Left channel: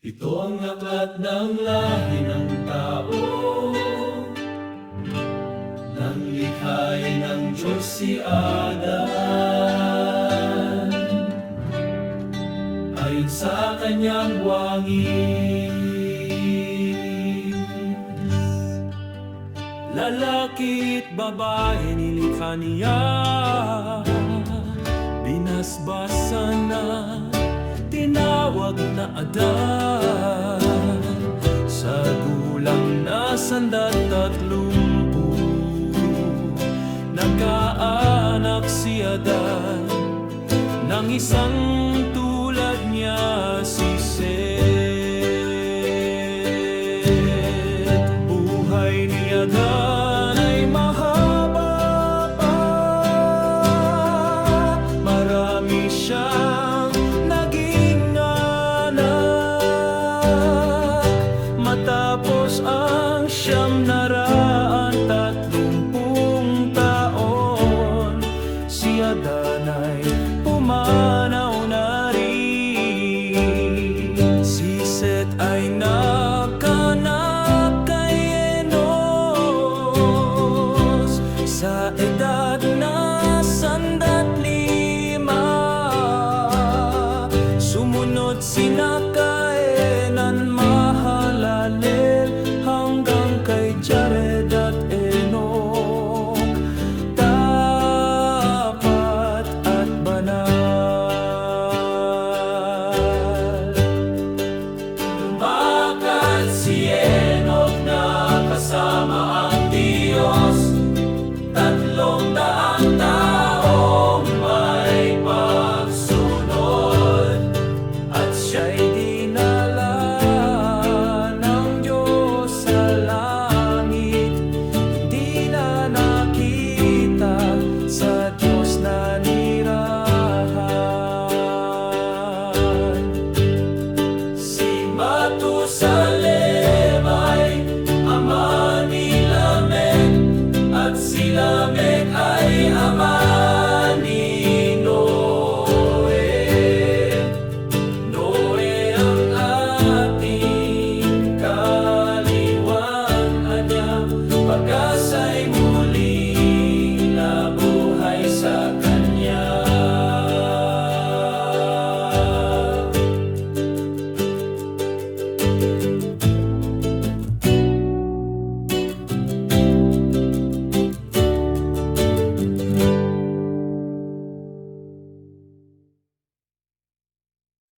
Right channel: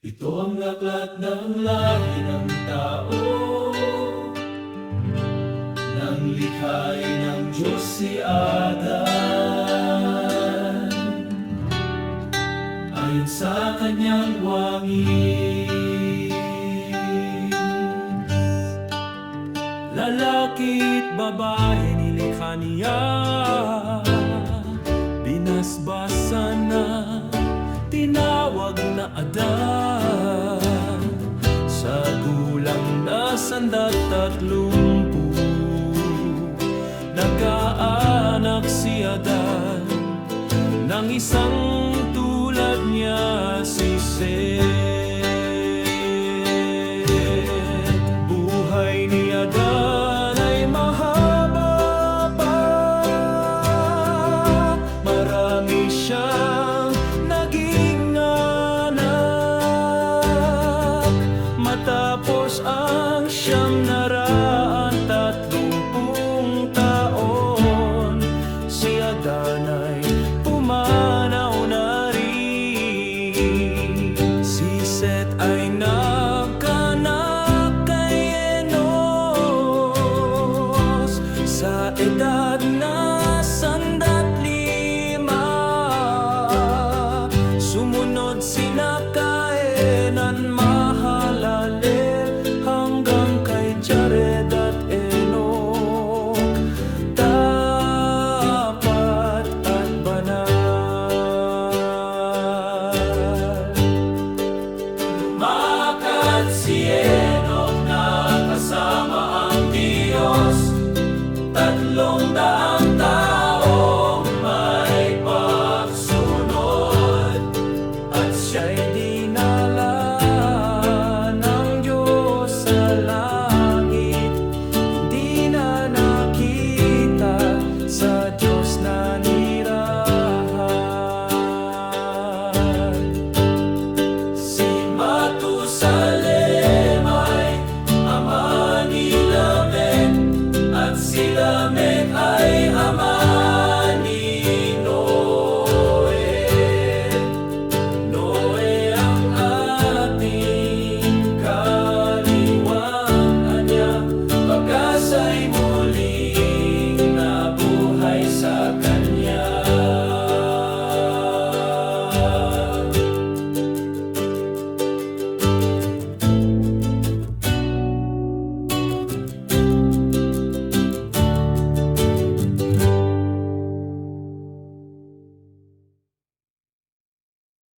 Ito ang aklat ng lahi ng tao Nang likhain ng Diyos si Adan. Ayon sa kanyang wangis Lalaki't babae nilikha niya Binasbasan na tinawag na Adan Sa gulang na sandat at lumpu Nagkaanak si Adan Nang isang tulad niya si Seth. Buhay ni Adan ay mahaba pa. Marami siyang Matapos ang siyam na raan tatlumpung taon. Si Adan ay pumanaw na rin. Si Seth ay nagkanak Sa edad na sandat lima Sumunod sina Enan mahalalel hanggang kay Jared at Enoch. Tapat at banal. Lumakad si Enoch na kasama ang Diyos. Tatlong Diyos na nirang